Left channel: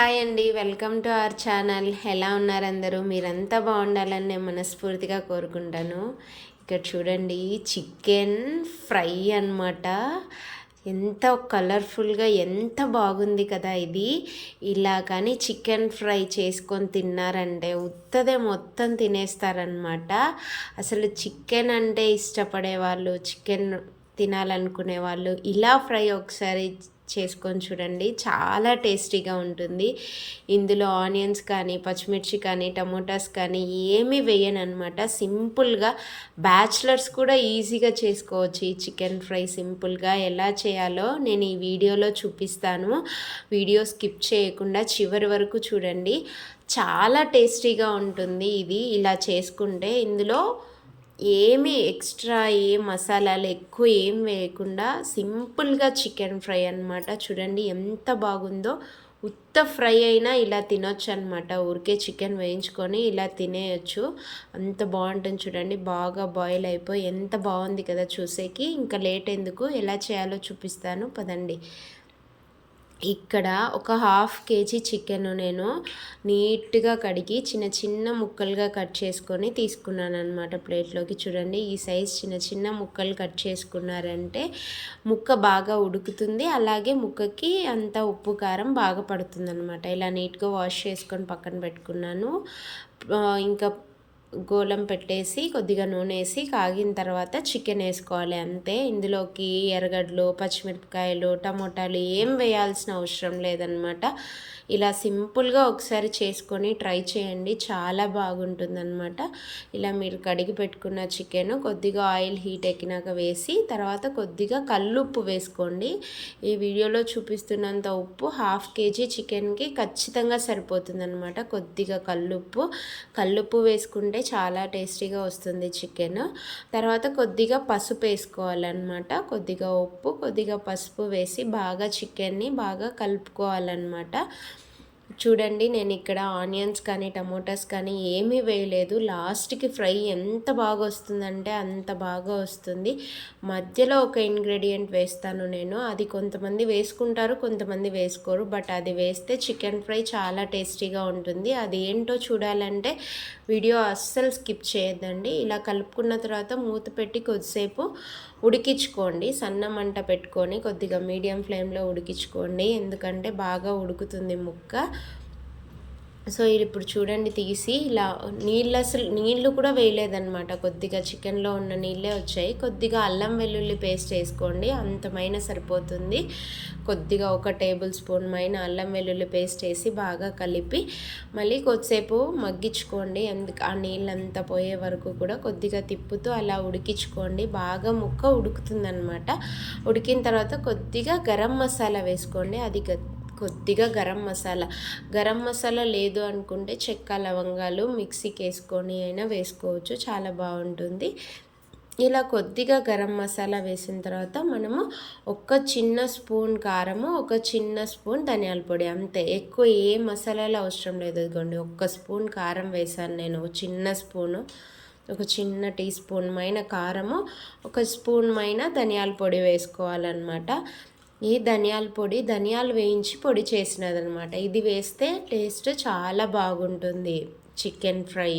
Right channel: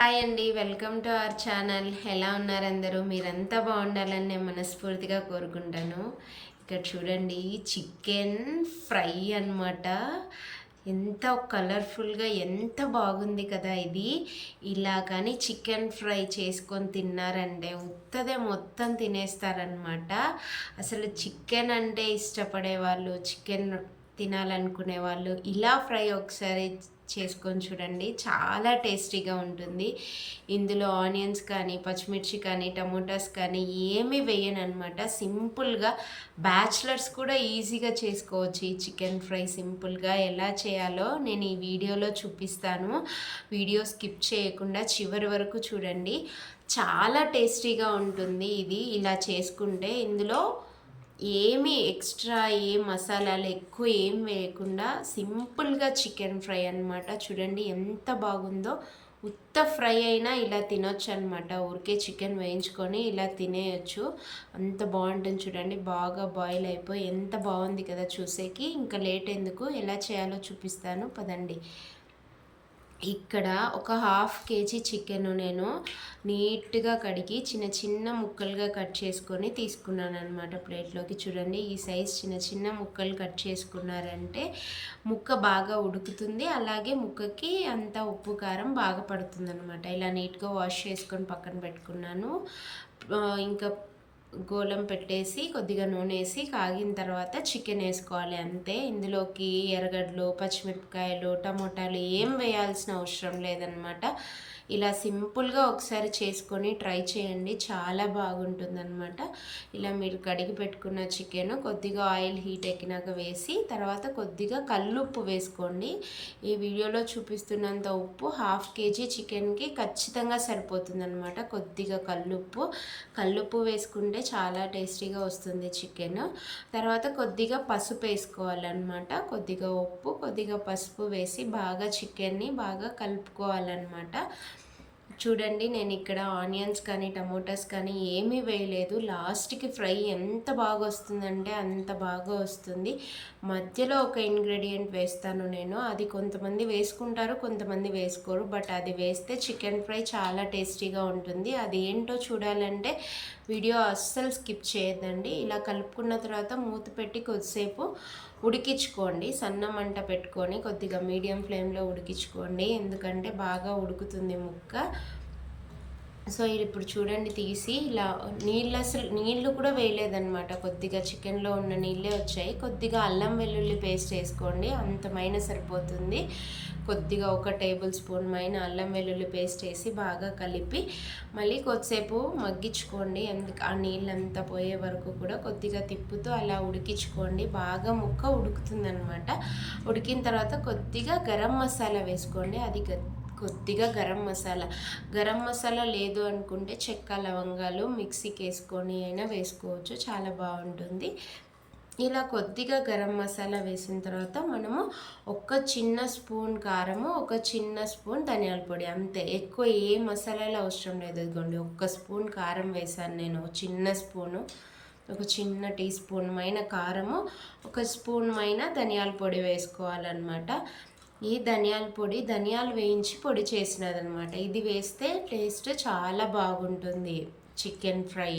Hi అండి, welcome to our channel. ఎలా ఉన్నారు అందరూ? మీరంతా బాగుండాలని నేను మనస్ఫూర్తిగా కోరుకుంటాను. ఇక్కడ చూడండి, చికెన్ ఫ్రై అన్నమాట. ఎంత కలర్ఫుల్గా ఎంత బాగుంది కదా ఇది. ఇలా కానీ చికెన్ ఫ్రై చేసుకొని తిన్నారంటే ఉత్తదే మొత్తం తినేస్తారనమాట. అసలు చికెన్ అంటే ఇష్టపడే వాళ్ళు, చికెన్ తినాలనుకునే వాళ్ళు ఇలా ఫ్రై ఒకసారి చేసుకొని చూడండి, చాలా టేస్టీగా ఉంటుంది. ఇందులో ఆనియన్స్ కానీ, పచ్చిమిర్చి కానీ, టమోటాస్ కానీ ఏమీ వేయను అనమాట. సింపుల్గా బ్యాచిలర్స్ కూడా ఈజీగా చేసుకోవచ్చు ఈ చికెన్ ఫ్రై. సింపుల్గా ఎలా చేయాలో నేను ఈ వీడియోలో చూపిస్తాను. వీడియో స్కిప్ చేయకుండా చివరి వరకు చూడండి. చాలా టేస్టీగా ఉంటుంది ఇది ఇలా చేసుకుంటే. ఇందులో ఏమీ ఎక్స్ట్రా మసాలాలు ఎక్కువ ఏం వేయకుండా సింపుల్గా చికెన్ ఫ్రై అనమాట. చూడండి ఎంత బాగుందో. ఉత్త ఫ్రై అయినా ఇలా తినొచ్చు అనమాట. ఊరికే చికెన్ వేయించుకొని ఇలా తినేయచ్చు, అంత బాగుంటుంది. చూడండి బాగా బాయిల్ అయిపోయి ఎంత బాగుంది కదా చూసేకి. ఇంకా లేట్ ఎందుకు, ఎలా చేయాలో చూపిస్తాను పదండి. ఇక్కడ ఒక 1/2 kg చికెన్ నేను నీట్గా కడిగి చిన్న చిన్న ముక్కలుగా కట్ చేసుకొని తీసుకున్నాను అనమాట ప్లేట్లోకి. చూడండి ఈ సైజ్ చిన్న చిన్న ముక్కలు కట్ చేసుకున్నారంటే ముక్క బాగా ఉడుకుతుంది, అలాగే ముక్కకి అంత ఉప్పు కారం బాగా పడుతుంది అనమాట. ఇలా నీట్గా వాష్ చేసుకొని పక్కన పెట్టుకున్నాను. ఇంకా గోలం పెట్టేసి కొద్దిగా నూనె వేసి కాగిన తర్వాత చికెన్ వేసుకోవాలి అంతే. ఇందులోకి ఎర్రగడ్డలు, పచ్చిమిరపకాయలు, టమోటాలు ఏం వేయాల్సిన అవసరం లేదనమాట. ఇలా సింపుల్గా ఒకసారి చేసుకొని ట్రై చేయండి, చాలా బాగుంటుందన్నమాట. ఇలా మీరు కడిగి పెట్టుకున్న చికెన్ కొద్దిగా ఆయిల్ హీట్ ఎక్కినాక వేసి తర్వాత కొద్దిగా కల్లుప్పు వేసుకోండి. ఈ వీడియోలో చూపిస్తున్నంత ఉప్పు 1/2 kg చికెన్కి ఖచ్చితంగా సరిపోతుందన్నమాట. కొద్దిగా కల్లుప్పు వేసుకుంటే చాలా టేస్టీగా వస్తుంది చికెన్. తర్వాత కొద్దిగా పసుపు వేసుకోవాలన్నమాట. కొద్దిగా ఉప్పు, కొద్దిగా పసుపు వేసి బాగా చికెన్ని బాగా కలుపుకోవాలన్నమాట. చూడండి నేను ఇక్కడ ఆనియన్స్ కానీ టమోటాస్ కానీ ఏమీ వేయలేదు. లాస్ట్కి ఫ్రై ఎంత బాగా వస్తుందంటే అంత బాగా వస్తుంది. మధ్యలో ఒక ఇంగ్రీడియంట్ వేస్తాను నేను, అది కొంతమంది వేసుకుంటారు, కొంతమంది వేసుకోరు. బట్ అది వేస్తే చికెన్ ఫ్రై చాలా టేస్టీగా ఉంటుంది. అది ఏంటో చూడాలంటే వీడియో అస్సలు స్కిప్ చేయొద్దండి. ఇలా కలుపుకున్న తర్వాత మూత పెట్టి కొద్దిసేపు ఉడికించుకోండి. సన్న మంట పెట్టుకొని కొద్దిగా మీడియం ఫ్లేమ్లో ఉడికించుకోండి, ఎందుకంటే బాగా ఉడుకుతుంది ముక్క. సో ఇప్పుడు చూడండి తీసి ఇలా నీళ్ళు కూడా వేయలేదన్నమాట. కొద్దిగా చికెన్లో ఉన్న నీళ్ళే వచ్చాయి. కొద్దిగా అల్లం వెల్లుల్లి పేస్ట్ వేసుకోండి, అంతమైన సరిపోతుంది. కొద్దిగా 1 టేబుల్ స్పూన్ మైన అల్లం వెల్లుల్లి పేస్ట్ వేసి బాగా కలిపి మళ్ళీ కొద్దిసేపు మగ్గించుకోండి. ఆ నీళ్ళంతా పోయే వరకు కూడా కొద్దిగా తిప్పుతూ అలా ఉడికించుకోండి. బాగా ముక్క ఉడుకుతుందన్నమాట. ఉడికిన తర్వాత కొద్దిగా గరం మసాలా వేసుకోండి. కొద్దిగా గరం మసాలా లేదు అనుకుంటే చెక్క లవంగాలు మిక్సీకి వేసుకొని అయినా వేసుకోవచ్చు, చాలా బాగుంటుంది. ఇలా కొద్దిగా గరం మసాలా వేసిన తర్వాత మనము ఒక చిన్న స్పూన్ కారము, ఒక చిన్న స్పూన్ ధనియాల పొడి, అంతే. ఎక్కువ ఏ మసాలాలు అవసరం లేదు. ఇదిగోండి 1 స్పూన్ కారం వేసాను నేను, చిన్న స్పూను. ఒక చిన్న టీ స్పూన్ మైన కారము, 1 స్పూన్ మైన ధనియాల పొడి వేసుకోవాలన్నమాట. ఈ ధనియాలు వేయించి పొడి చేసినదనమాట. ఇది వేస్తే టేస్ట్ చాలా బాగుంటుంది చికెన్ ఫ్రై.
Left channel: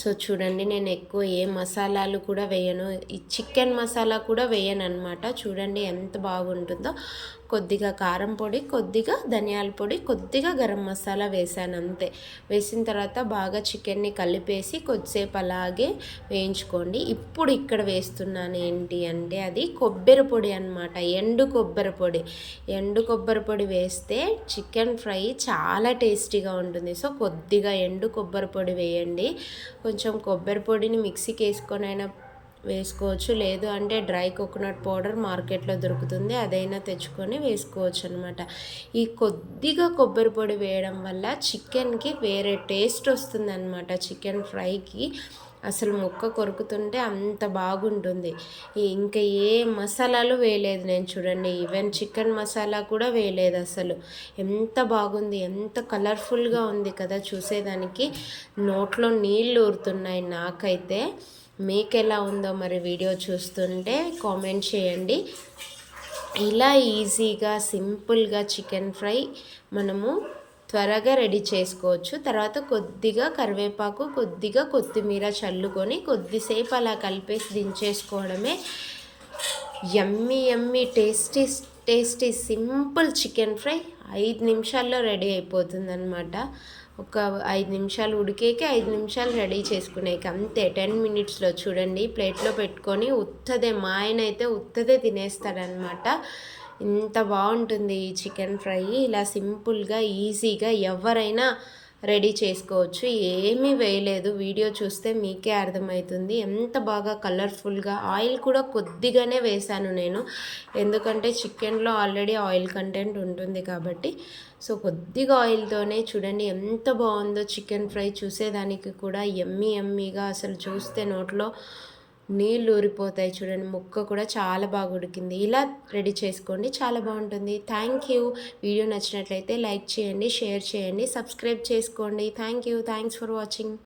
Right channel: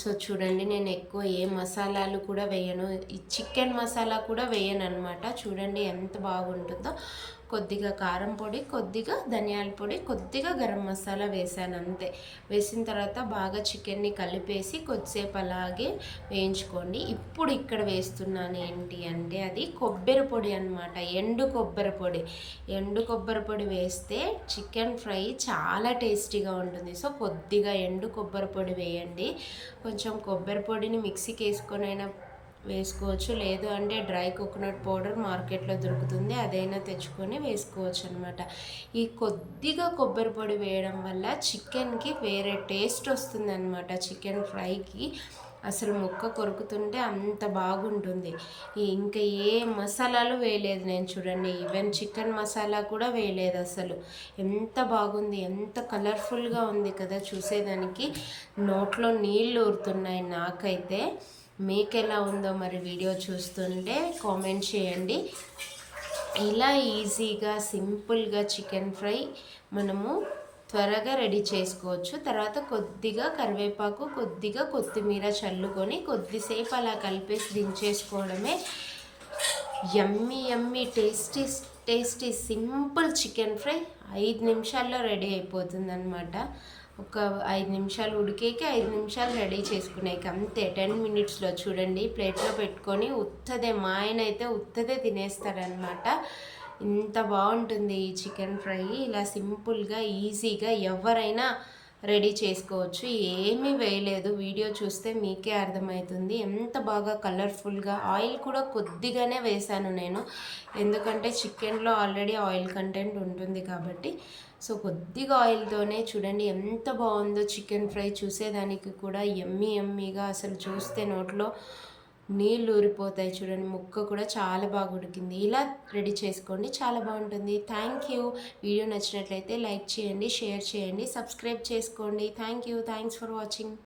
సో చూడండి నేను ఎక్కువ ఏ మసాలాలు కూడా వేయను, ఈ చికెన్ మసాలా కూడా వేయను అనమాట. చూడండి ఎంత బాగుంటుందో. కొద్దిగా కారం పొడి, కొద్దిగా ధనియాల పొడి, కొద్దిగా గరం మసాలా వేసాను అంతే. వేసిన తర్వాత బాగా చికెన్ని కలిపేసి కొద్దిసేపు అలాగే వేయించుకోండి. ఇప్పుడు ఇక్కడ వేస్తున్నాను ఏంటి అంటే అది కొబ్బరి పొడి అనమాట, ఎండు కొబ్బరి పొడి వేస్తే చికెన్ ఫ్రై చాలా టేస్టీగా ఉంటుంది. సో కొద్దిగా ఎండు కొబ్బరి పొడి వేయండి. కొంచెం కొబ్బరి పొడిని మిక్సీకి వేసుకొని అయినా వేసుకోవచ్చు, లేదు అంటే డ్రై కోకోనట్ పౌడర్ మార్కెట్లో దొరుకుతుంది, అదైనా తెచ్చుకొని వేసుకోవచ్చు అనమాట. ఈ కొద్దిగా కొబ్బరి పొడి వేయడం వల్ల చికెన్కి వేరే టేస్ట్ వస్తుంది అనమాట. చికెన్ ఫ్రైకి అసలు ముక్క కొరుకుతుంటే అంత బాగుంటుంది. ఇంకా ఏ మసాలాలు వేయలేదు నేను, చూడండి ఈవెన్ చికెన్ మసాలా కూడా వేయలేదు అసలు. ఎంత బాగుంది, ఎంత కలర్ఫుల్గా ఉంది కదా చూసేదానికి. నోట్లో నీళ్ళు ఊరుతున్నాయి నాకైతే. మీకు ఎలా ఉందో మరి వీడియో చూస్తుంటే కామెంట్ చేయండి. ఇలా ఈజీగా సింపుల్గా చికెన్ ఫ్రై మనము త్వరగా రెడీ చేసుకోవచ్చు. తర్వాత కొద్దిగా కరివేపాకు, కొద్దిగా కొత్తిమీర చల్లుకొని కొద్దిసేపు అలా కలిపేసి దించేసుకోవడమే. Yummy yummy tasty tasty simple chicken fry 5 నిమిషాల్లో రెడీ అయిపోతుందన్నమాట. ఒక 5 నిమిషాలు ఉడికేకి 5 నిమిషాలు రెడీ చేసుకునేకి అంతే. 10 మినిట్స్లో చూడండి. ప్లేట్లో పెట్టుకొని ఉత్తదే, మా ఆయన అయితే ఉత్తదే తినేస్తాడనమాట. ఇంత బాగుంటుంది ఈ చికెన్ ఫ్రై. ఇలా సింపుల్గా ఈజీగా ఎవరైనా రెడీ చేసుకోవచ్చు. ఏమీ వేయలేదు, వీడియో చూస్తే మీకే అర్థమవుతుంది ఎంత బాగా కలర్ఫుల్గా. ఆయిల్ కూడా కొద్దిగానే వేశాను నేను, ఎందుకంటే చికెన్లో ఆల్రెడీ ఆయిల్ కంటెంట్ ఉంటుంది కాబట్టి. సో కొద్దిగా ఆయిల్తోనే చూడండి ఎంత బాగుందో చికెన్ ఫ్రై. చూసేదానికి కూడా యమ్మీ యమ్మీగా, అసలు చూస్తే నోట్లో నీళ్ళు ఊరిపోతాయి. చూడండి ముక్క కూడా చాలా బాగా ఉడికింది. ఇలా రెడీ చేసుకోండి, చాలా బాగుంటుంది. Thank you. వీడియో నచ్చినట్లయితే లైక్ చేయండి, షేర్ చేయండి, సబ్స్క్రైబ్ చేసుకోండి. Thank you. Thanks for watching.